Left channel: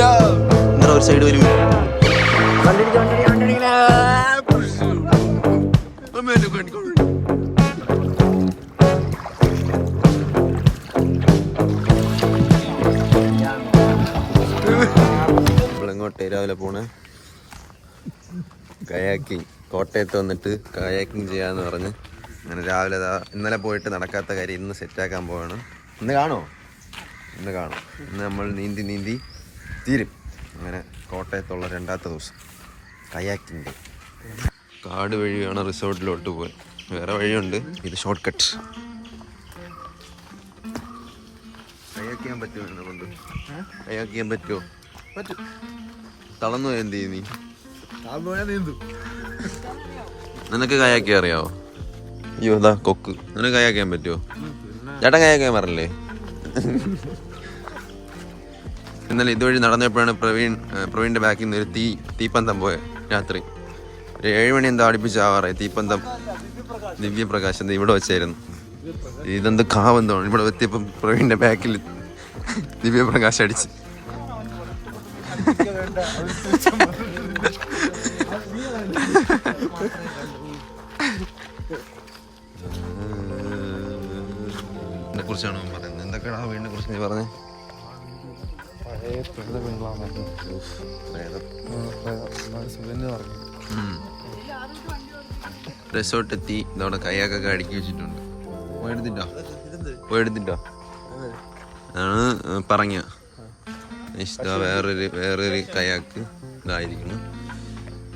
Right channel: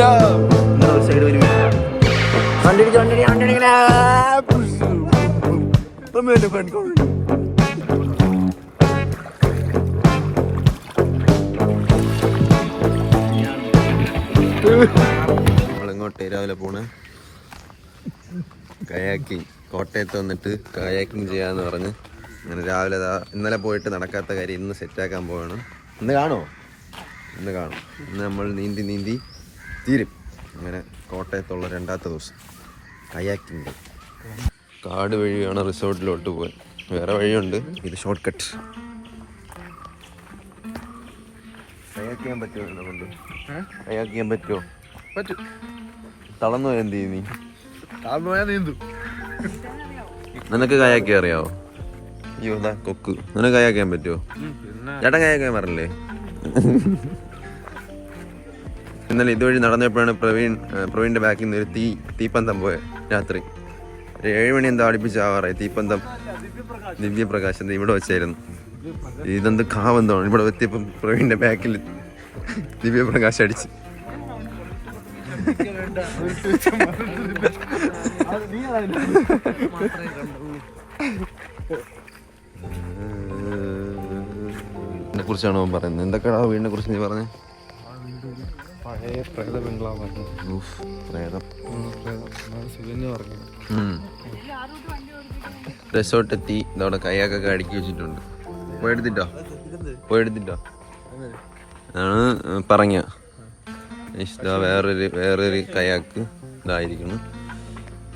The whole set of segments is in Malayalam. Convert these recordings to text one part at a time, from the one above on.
ഒരു സൈഡ് വരും. നമ്മളെങ്ങോട്ട് രാവിലെ പോണേ? കയാക്കിങ്. കോട്ടയത്ത് വന്നിട്ട് കയാക്കിങ് ചെയ്യാന്ന് പറഞ്ഞ് അങ്ങനെ രാവിലെ ഇന്നലെ പോയിട്ട് നടക്കാത്ത കാര്യം ഇന്ന് സെറ്റാക്കാൻ പോവാണ്. ഇന്ന് കാണുമോ? ഇന്ന് കാണും. ഇന്ന് നമ്മൾ നീന്തി തീരും. അങ്ങനെ കോട്ടയത്തുള്ള രണ്ടാമത്തെ ദിവസം കയാക്കിങ്. കാട് വഴിയാണ് റിസോർട്ടിലോട്ട് പോയി. വേറെ വഴിയുണ്ട്, ഇത് ഷോർട്ട് കട്ട്. കയാക്ക് ചെയ്യാൻ പറ്റുമോ? എന്നെ കൊണ്ട് കയാക്ക് ചെയ്യാൻ പറ്റുമോ? പറ്റും. തളർന്നു പോയാൽ എന്ത് ചെയ്യും നീ? തളർന്നു പോയാൽ നീന്തും. നിനക്ക് കയാക്ക് അറിയാവോ? അയ്യോ എന്താ കൊക്ക്. നിനക്ക് കയാക്ക് ചെയ്യാൻ പറ്റുമോ? ചേട്ടൻ കയാക്ക് ചെയ്യാൻ പറഞ്ഞില്ലേ? ഇന്നലെ ഇതുവഴി നടന്നപ്പോഴാണ് പ്രവീണിന്റെ ബാക്കിൽ നിന്ന് ഒരു തീപ്പന്തം പോയത്. രാത്രി ഒരു 7 മണി എന്താ അടുപ്പിച്ചാവാറായി. തീപ്പന്തം ദിവ്യപ്രകാശം ഇവിടെ വെച്ചായിരുന്നു. ഇതെന്ത് കാവെന്താണ് ഇവിടെ എത്തിയപ്പം പ്രവീണിന്റെ ബാക്കിൽ ദിവ്യപ്രകാശം അടിച്ച്. എന്നെ കുറിച്ചാണ് അവൻ പറയുന്നത്. എന്തൊക്കെയാ വീടിനെ കുറിച്ച് നീ പറഞ്ഞേ? റിസോർട്ട് എത്തി. ഇതവിടെ കയ്യാക്കൊക്കെ അടുക്കി വെച്ചിട്ടുണ്ട്. പോയെടുത്തിട്ടോ ആണ് പറഞ്ഞ. വേറൊരു കയാക്ക് ഇതായിരിക്കണം.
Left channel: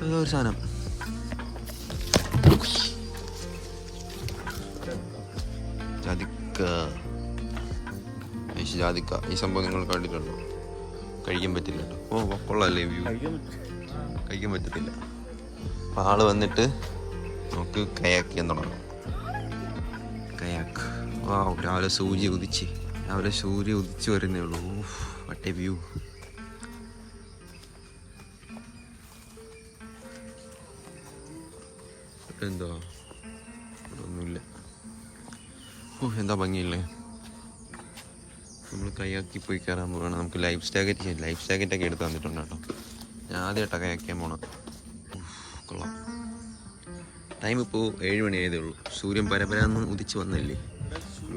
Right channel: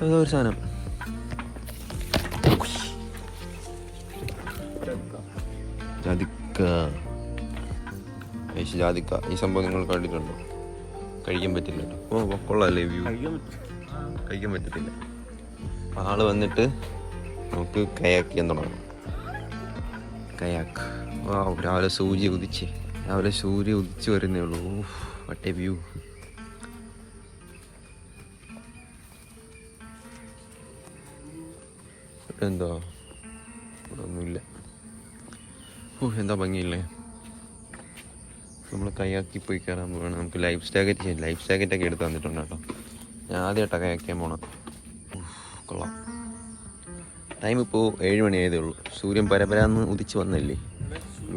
ഒരു സാധനം ജാതിക്ക. ഈ സംഭവം നിങ്ങൾ കണ്ടിട്ടുണ്ടോ? കഴിക്കാൻ പറ്റില്ല കേട്ടോ. ഓ കൊള്ളാല്ലേ വ്യൂ. കഴിക്കാൻ പറ്റത്തില്ല. ആള് വന്നിട്ട് നമുക്ക് കയാക്ക് ചെയ്യാൻ തുടങ്ങാം. കയാക്ക്. രാവിലെ സൂര്യ ഉദിച്ച് വരുന്നേ ഉള്ളൂ. വട്ടേ വ്യൂ. എന്താ ഒന്നുമില്ല. എന്താ ഭംഗിയില്ലേ. നമ്മൾ കയാക്കി പോയി കയറാൻ പോകണം. നമുക്ക് ലൈഫ് ജാക്കറ്റൊക്കെ എടുത്ത് തന്നിട്ടുണ്ട് കേട്ടോ. ഞാൻ ആദ്യമായിട്ടാണ് കയാക്കാൻ പോണം. കൊള്ളാം. ടൈം ഇപ്പോൾ 7 മണി ആയതേ ഉള്ളൂ. സൂര്യൻ പരപരാന്ന് ഉദിച്ച് വന്നല്ലേ.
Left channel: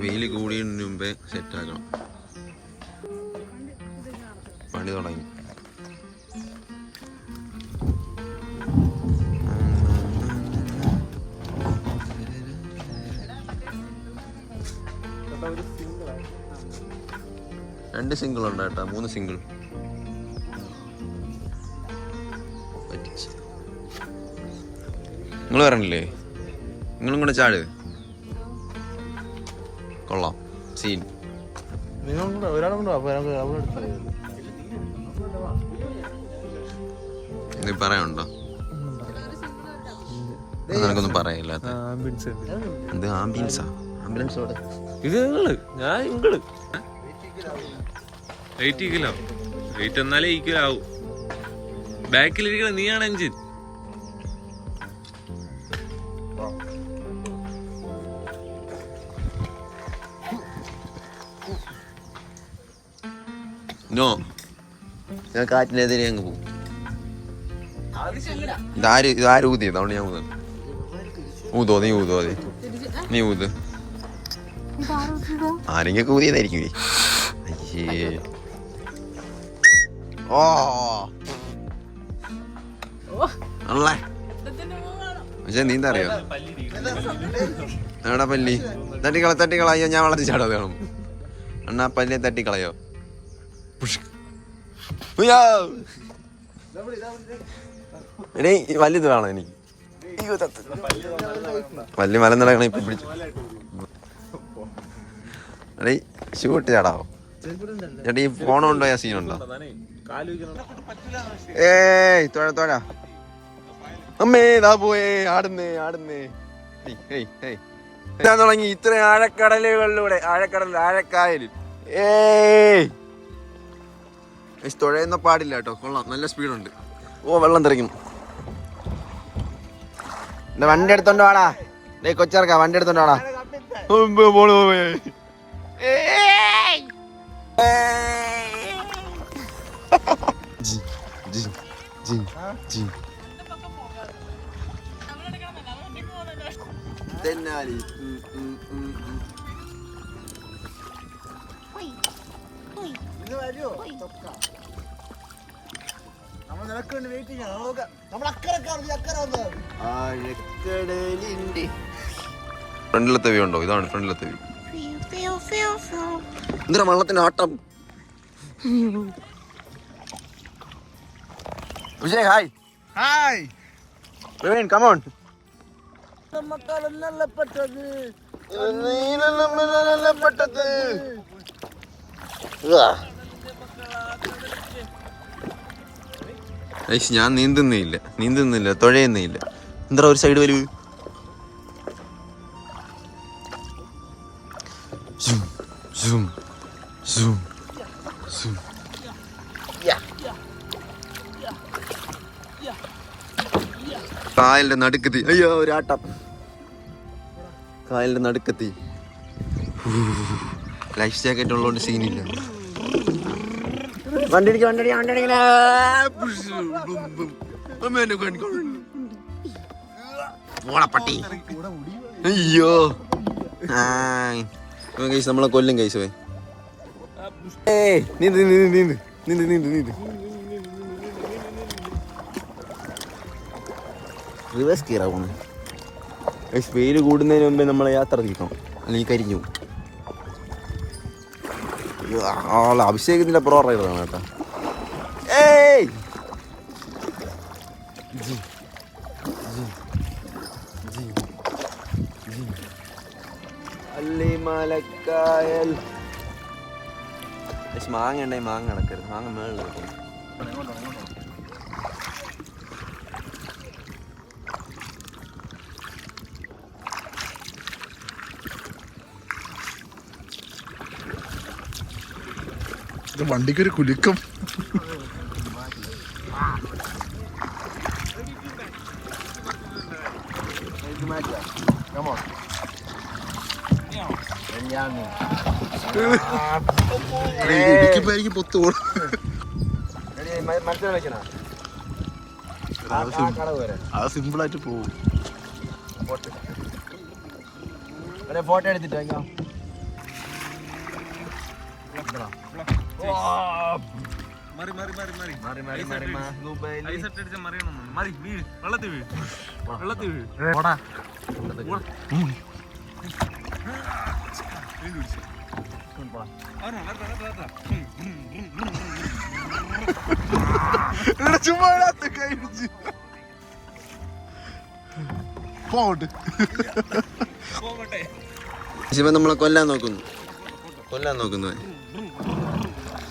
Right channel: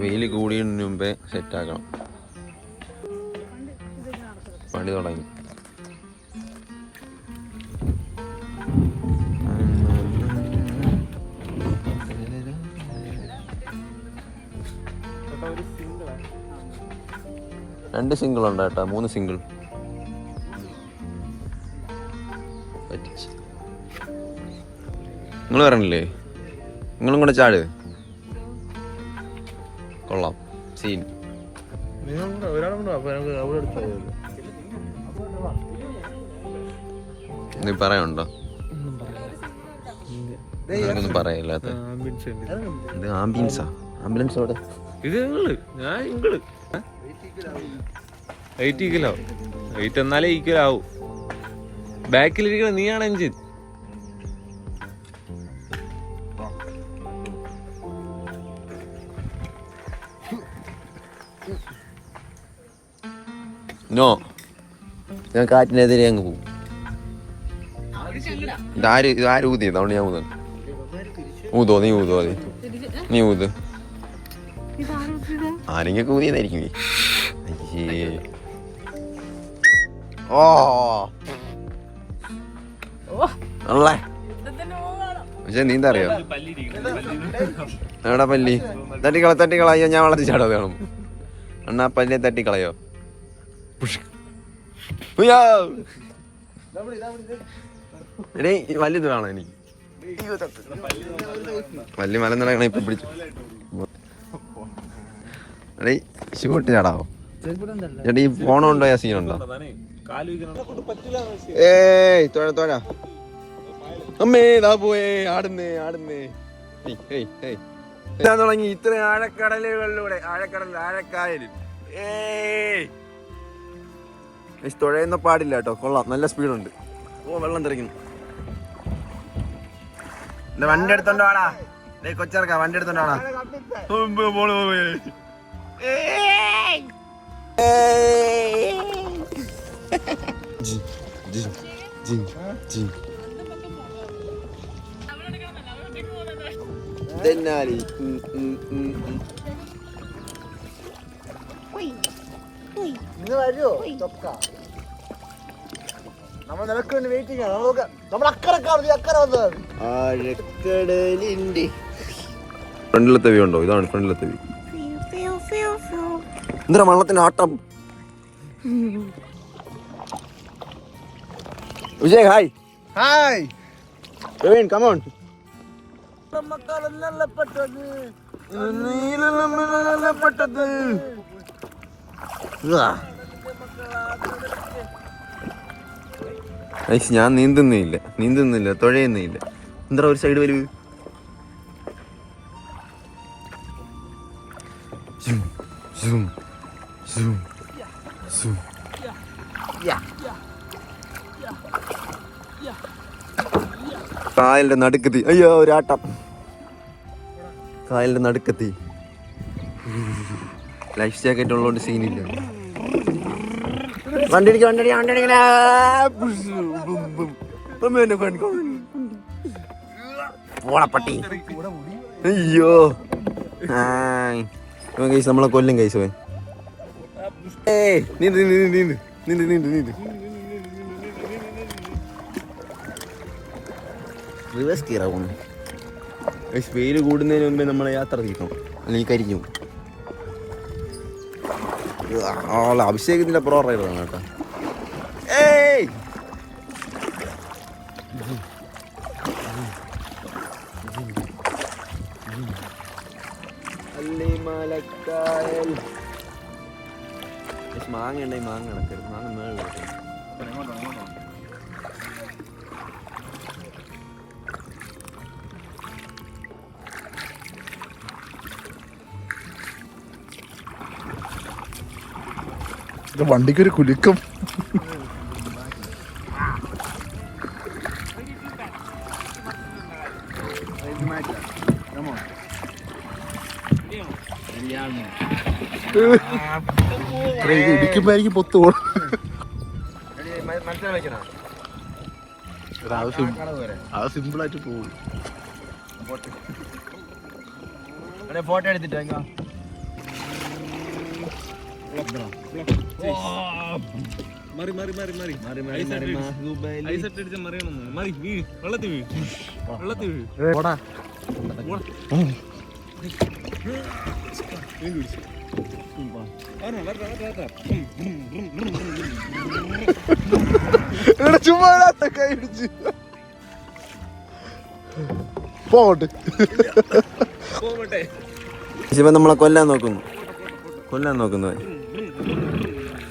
വെയിൽ കൂടിയതിന് മുമ്പേ സെറ്റാക്കണം. പണി തുടങ്ങി. രണ്ട് സിംഗിൾ ഉണ്ട് കേട്ടോ. 3 സിംഗിൾ നിങ്ങൾ പറഞ്ഞില്ലേ? നിങ്ങളും കൂടെ ചാട്. കൊള്ളാം സീൻ. നീ പറയാനുണ്ടോ? നിനക്കൊന്നും പറയില്ലാത്ത ഇത് ആംബിയൻസാ. ആംബുലൻസ് അവിടെ. വെയിറ്റ് എന്നാലേ ഈക്വൽ ആവും. ബാക്കിലിരിക്കണ നീയാണ് എഞ്ചിൻ. നോ, ഞാൻ കാറ്റിനെതിരെ അങ്ങ് പോകും. ഇതാര് ഊതിയത്? അതുകൊണ്ട് ഞാൻ ഊതോ. നീ ഊത്. ആരെങ്കിലും ഊതിയതായിരിക്കും. അയ്യേ. ഓ പക്ഷെ നീന്താ അറിയോ? എടാ പല്ലി തട്ടിക്കളയോ? ഞാൻ വളർത്തി ചാടാതെ കാണും. അണ്ണാ പല്ലിയെ തട്ടിക്കളയോ? എടേ വല്ലിത് വേണം എനിക്ക്. വല്യ മലം നടക്കണ ഇപ്പൊ പിടിച്ചു. എടേ ഷൂട്ട് ചാടാവോ? ചേട്ടാ ഈ ഫോണുണ്ടോ? ആ സീനുണ്ടോ? ഏയ് തോഴ അമ്മേ ദാ പോയേ. ആടുന്നേ തുടങ്ങി. ഇത്ര ആഴക്കടലുകളിലൂടെ ആഴക്കായലിൽ തുഴയുന്ന പാടില്ല കേട്ടോ. കൊള്ളാം, നല്ല സ്പീഡുണ്ട്. ഓ വെള്ളം തെറിക്കും. വണ്ടി എടുത്തോണ്ട് വാടാ. കൊച്ചിറക്കാ വണ്ടി എടുത്തോണ്ട് വാടാ. തെന്നാലി നിങ്ങൾ വരുമോ ചൊക്ക നമ്മൾ നിനക്ക് വേണ്ടി വെയിറ്റ് ചെയ്യാം നമ്മൾ അക്കരെ കാണും അക്കരെ വന്നത് ആഴക്കടലിന്റെ ഫ്രണ്ടിലത്തെ വ്യൂ ഉണ്ടോ? ഇതാണ് ഫ്രണ്ടിലത്തെ വ്യൂ. എന്താ വള്ളത്തിന്റെ ആട്ടം? Vijay hi. Hi Praveen come on. ഞാൻ നീന്തുന്നില്ല തുഴയുന്നില്ല. എന്താ ഒരു സൈഡ് വരൂ. കായലിന്റെ നടുക്കെത്തി. അയ്യോ ഒരാട്ടം. കായലിന്റെ നടുക്കെത്തി. ലൈഫ് ജാക്കറ്റ് ഉള്ളതുകൊണ്ട് സീനില്ല. പട്ടി. അയ്യോ കൈസ് നമ്മളെ കൊല്ലും കൈസ്. നീന്ത് നീന്ത് നീന്ത് നീന്ത് നീന്ത് നീന്ത്. റിവേഴ്സ് ഗിയറാ പോണേ. വെയിൽ കൂടുന്നതിന് മുമ്പേ നമ്മളെ യാത്ര തീർക്കണം, അല്ലെങ്കിൽ കരിഞ്ഞു. അഭിഷേകത്തിന്റെ പ്രോ റൈഡറാണ് കേട്ടോ. അല്ലിമലക്കായൽ. മാങ്ങ ഉണ്ടായി, മാങ്ങ നടക്കരുത്. മാങ്ങ മേളിൽ കൊടുക്കുന്നു. വണ്ടിക്കൊരു കുലുക്കം. ഇടിക്കുമ്പോ എനിക്ക് പൊത്തു പോകണം. അത് സിമ്പിൾ ആയിട്ട് പോകും. ഫോട്ടോ എടുത്തിട്ട് ചുമ്മാ പോട്ടെ. ശിവൻ നമ്മളെ കൊല്ലാൻ നോക്കുന്നു.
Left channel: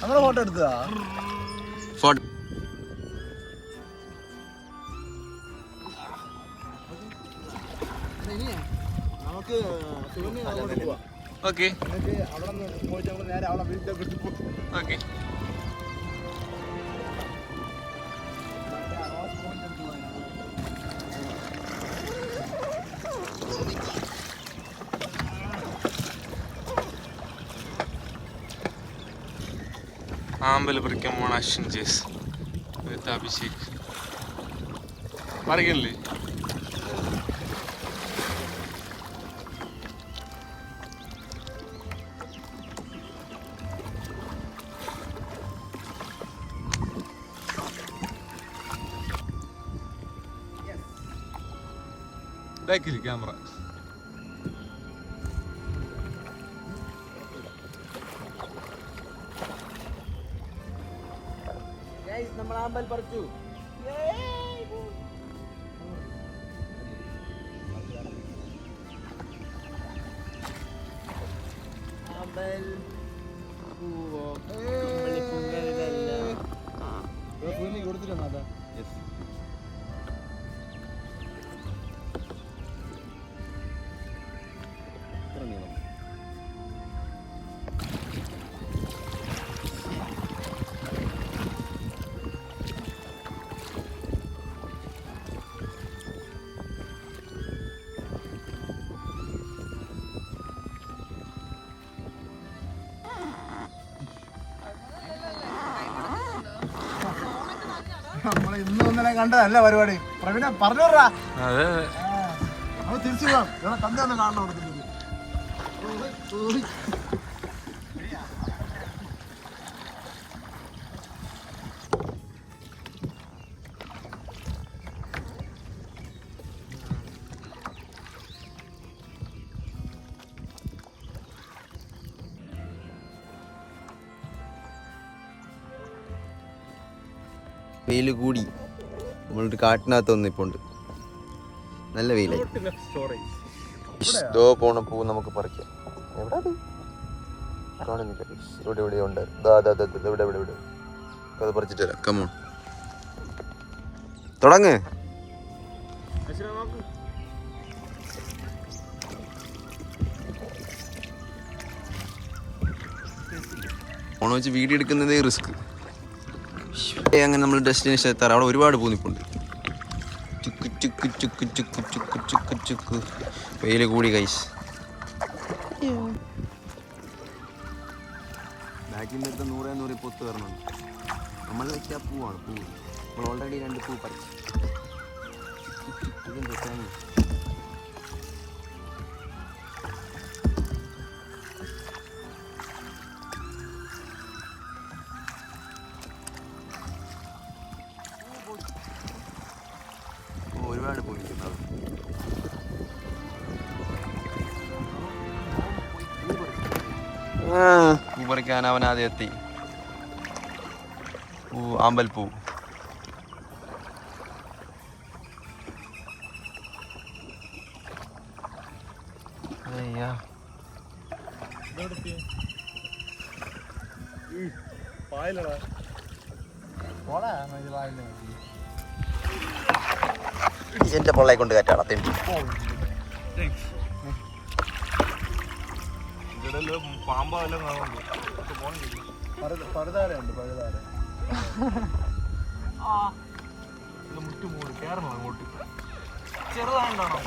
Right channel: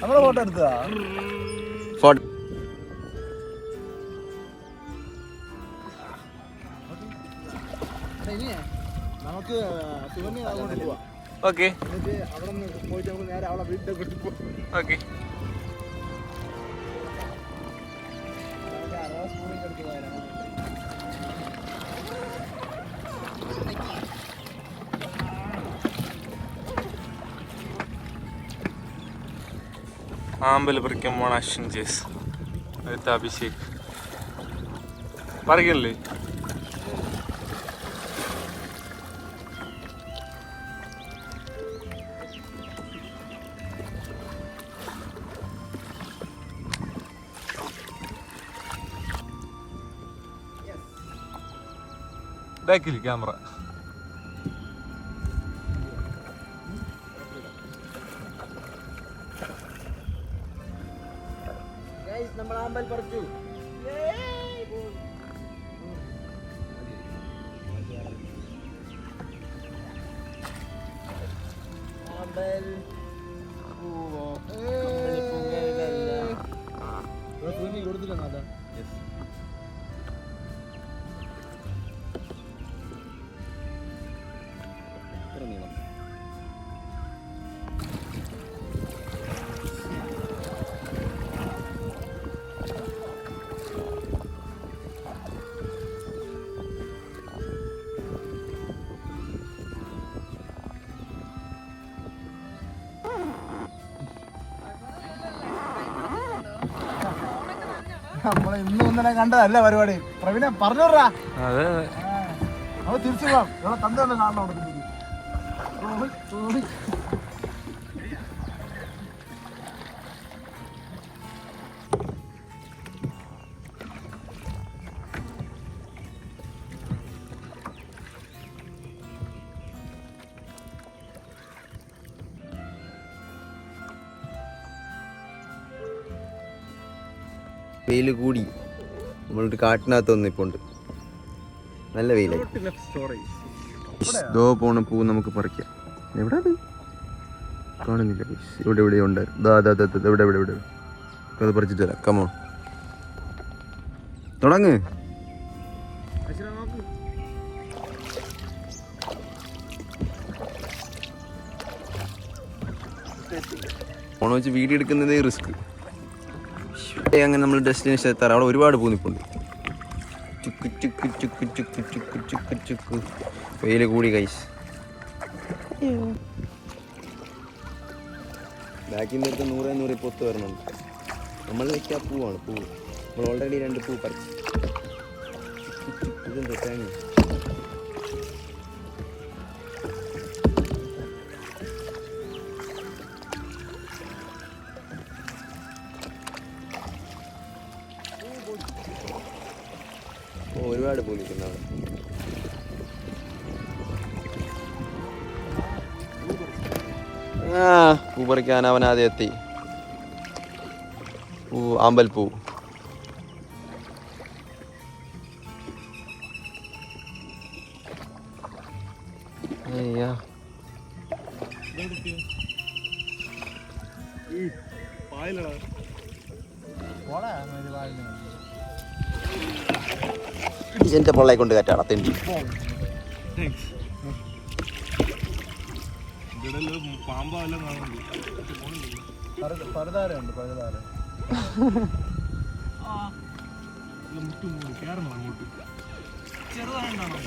നമ്മളെ ഫോട്ടോ എടുത്തതാ. ഫോട്ടോ നമുക്ക് ഓക്കെ എന്നിട്ട് അവിടെ നിന്ന് പോയിട്ട് നമുക്ക് നേരെ അവളെ വീട്ടിൽ പോകും. ഓക്കെ. ആമ്പൽ പറിക്കാൻ പോണ അശ്വിൻ ജേസ് വിത്ത് അഭിഷേക് പറിക്കല്ലേ. ബാക്കിൽ ക്യാമറ. നമ്മൾ ആമ്പൽ പറിച്ചു. ആമ്പൽ കൊടുത്തില്ല. നീളം നമ്മളെ ഇന്നും ഇന്നലെ കണ്ടതല്ല പരിപാടി. പ്രവീണ പറഞ്ഞോടാ. അതെ അവ തിരിച്ചു പോകാം. ഇവിടെ തന്റെ ഒന്ന് കാണണം അവിടെ. വെയിൽ കൂടി നമ്മളൊരു കാട്ടിനകത്ത് വന്നിപ്പോണ്ട്. നല്ല വെയിലായി. പോണ പൂ നമുക്ക് പറിക്കാം. എവിടെ കാണുന്നില്ല. ഇവിടെ ഇവിടെ ഉണ്ട്. ഇവിടെ ഇവിടെ ഇവിടെ അത് പറിച്ചിട്ട് തരാം. കമോ തുടങ്ങ്. ഫോൺ വെച്ച് വീഡിയോ എടുക്കുന്നതേ റിസ്ക്. അങ്ങനെ നമ്മൾ ഡെസ്റ്റിനേഷൻ എത്താറ്. അവിടെ ഒരുപാട് പൂനിപ്പുണ്ട്. ചുക്ക് ചുക്ക് ചുക്ക് ചുക്ക് ചുക്ക് ചുക്ക് ചുക്ക്. വെയിൽ കൂടി കൈസ്. ബാക്കിൽ നിന്ന് എടുത്ത് 100 പൊത്ത് വരണുണ്ട്. നമ്മളിലേക്ക് ആ പൂവാണ് പൂവ്. നമ്മൾ ഓൾറെഡി 2 പൂ പറിച്ചു. തേങ്ങ ഒരുപാട് പൂ നിൽക്കുന്ന അവിടെ. പൂ പറിക്കാൻ അവനാദ്യം എത്തി. ആമ്പൽപ്പൂ. എന്റെ പൊള്ളയെ കൊണ്ട് കാറ്റാണ് തെണ്ടി. പാമ്പെല്ലാം മുറ്റുമൂടി കയറണം അങ്ങോട്ട്. ചെറുതായിട്ടാണോ?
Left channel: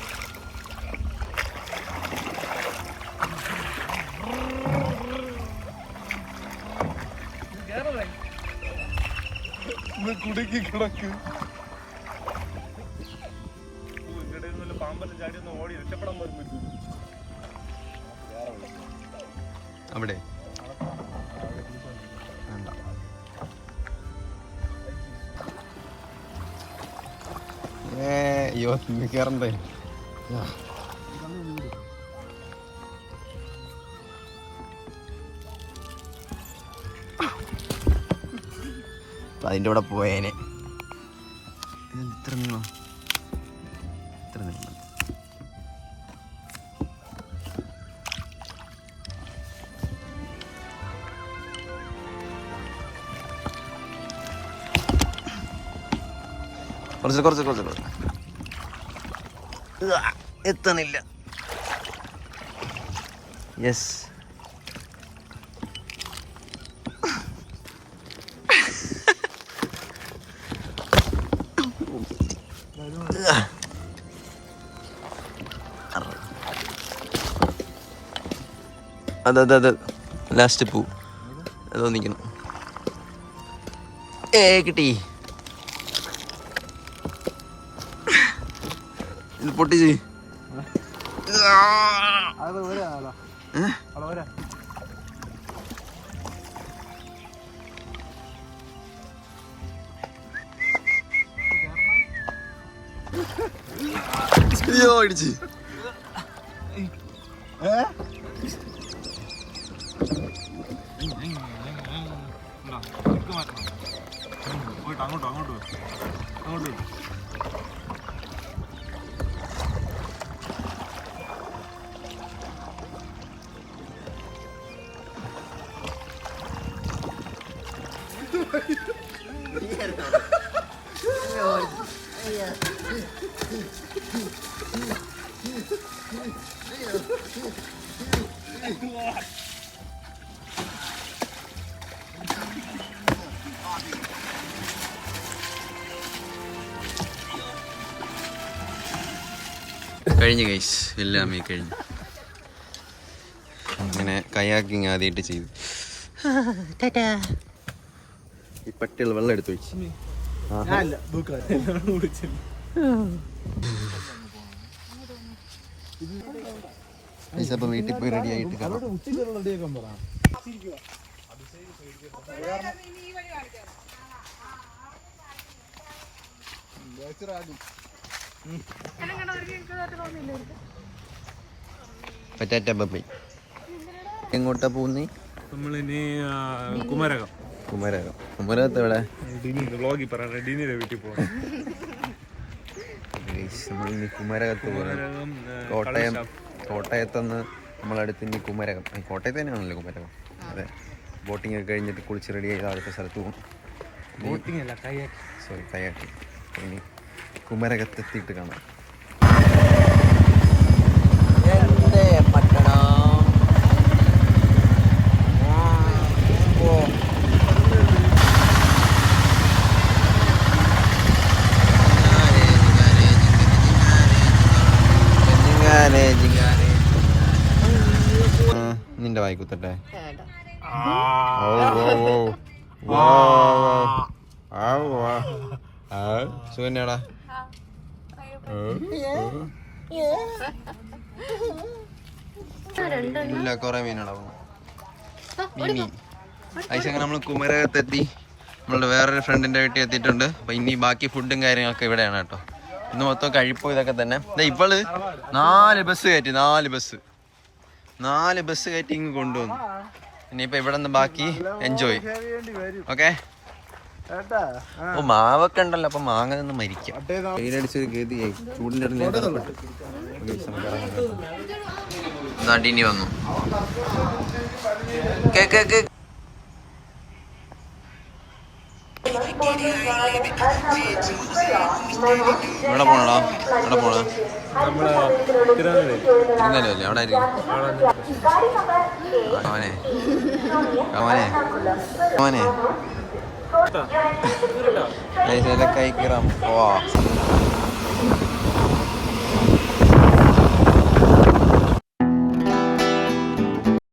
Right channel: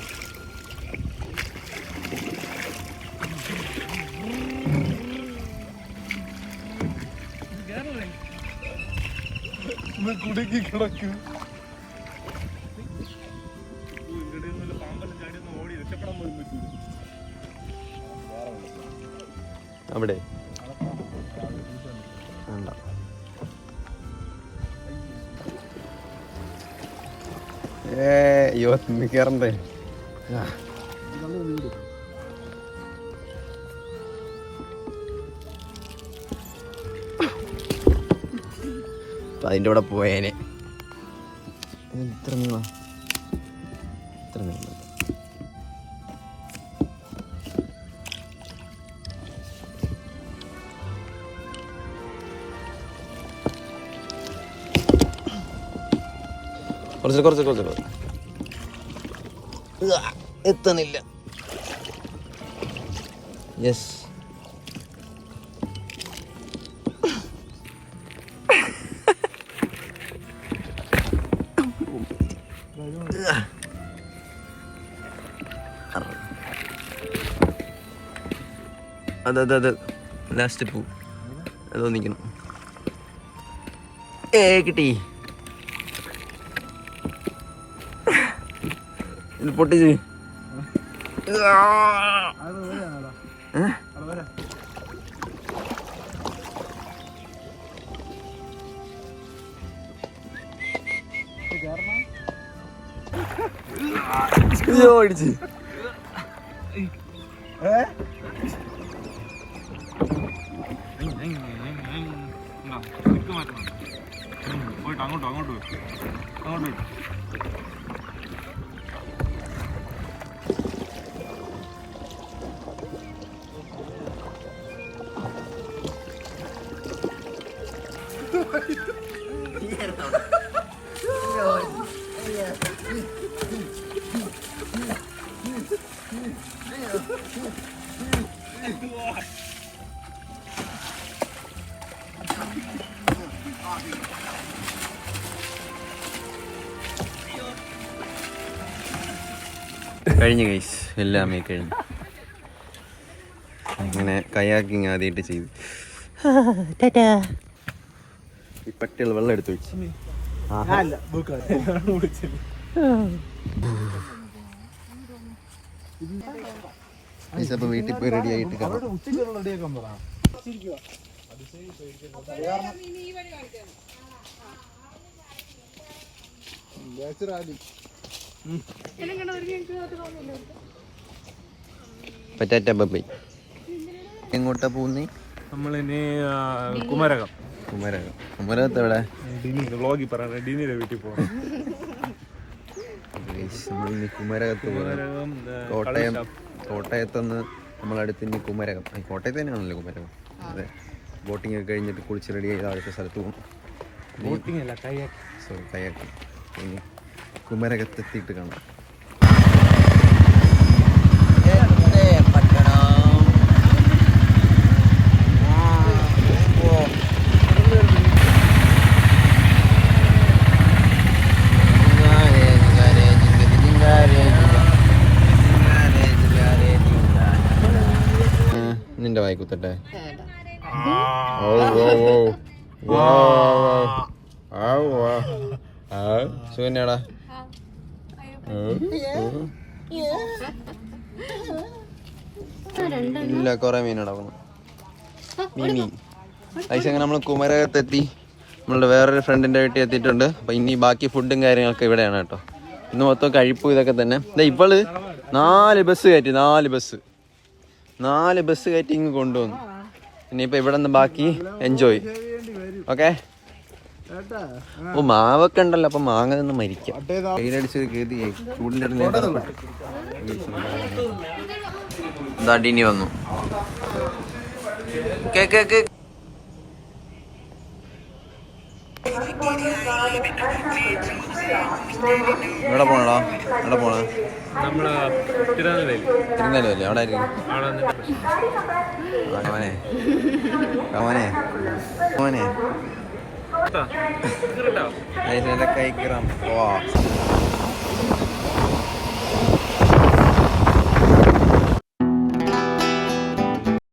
അവിടെ അയ്യോ കയറണ്ടേ. അതിൻ്റെ കൂടെ പോയേനെ. ഇത്ര നീള ഇത്ര നീളം. കുറച്ച് എത്തണില്ല. യെസ്. അതെ ലാസ്റ്റ് പൂ അതോ നിൽക്കണം. കിട്ടി. ഇത് പൊട്ടിച്ച് അയ്യോ അടിച്ച്. പോയിട്ട് അങ്ങോട്ട് കഴിഞ്ഞു ഗൈസ്. എല്ലാമേ കഴിഞ്ഞു. അങ്ങനെ കയാക്കിങ് ആദ്യമായിട്ട് ചെയ്തു. ഈ പട്ടികൾ വെള്ളം എടുത്തു വെച്ചു. ഞാനില്ല വീട്ടുകാർ അപ്പൊ വീട്ടിൽ പോയി റെഡി ആയിട്ട് കാണാം. പറ്റാറ്റ ബൈ. എങ്ങോട്ടാ പോകുന്നേ? നമ്മളിനി കുമരകം. കുമരകം. കുമരകത്ത് എവിടെ? വ്ളോഗിൽ പറയാം. ഡീനിയുടെ വീട്ടിൽ പോകാം. നമ്മളിനി കുമരകത്ത് പോകും. കോട്ടയത്തുനിന്ന് നമ്മളടുത്ത് ഇനി കുമരകം. കോട്ടയത്ത് തന്നെയാണല്ലോ കുമരകം. അതെ. ബോട്ടിംഗ് ഒക്കെ കഴിഞ്ഞിട്ട് കുളിച്ച് റെഡി ചെയ്ത് അടുത്ത സ്ഥലത്ത് പോകും. ബോട്ടിംഗ് അല്ല, കയാക്ക്. Sorry, kayak. ഇനി കുമരകത്തെത്തിയിട്ട് കാണാം. നിന്റെ വായി കുത്തട്ടെ. സുഖന്നെടാ. ഇല്ല, കൊറേ മീനടാ മീൻ. അങ്ങനെ നമ്മൾ കുമരകത്തെത്തി. നമ്മളുടെ വേറൊരു ഫ്രണ്ടിന്റെ വീട്ടിൽ എത്തിയിട്ടുണ്ട്. അപ്പൊ ഇനി ബാക്കി ഫുഡും കാര്യങ്ങളൊക്കെ ഇവിടെയാണ് കേട്ടോ. ഇന്ന് മൊത്തം കഴിപ്പ് ഇതൊക്കെ തന്നെ. ഇവള് 4 ബസ് കയറ്റി. 4 ബസ് കയറ്റി ഇങ്ങ് കൊണ്ടുവന്നു. ഇനിയിപ്പോ ഇവിടെ നിന്ന് ബാക്കി എൻജോയ്. ഓക്കെ. മാവൊക്കെ ഉണ്ടല്ലോ, അപ്പൊ മാങ്ങ നിന്ന് മരിക്കാം. വെയിലടിച്ചത് കേട്ടി ചൂടിന്റെ ദാണ്ടിനി വന്നു. എവിടെ പോണടാ? എവിടെ പോണ? നമ്മുടെ തിരുനെല്ലി അല്ലേ? അവിടെ ആയിരിക്കും. അവനെ അവനെ അവനെ കൈ കയറാം. പോവാ.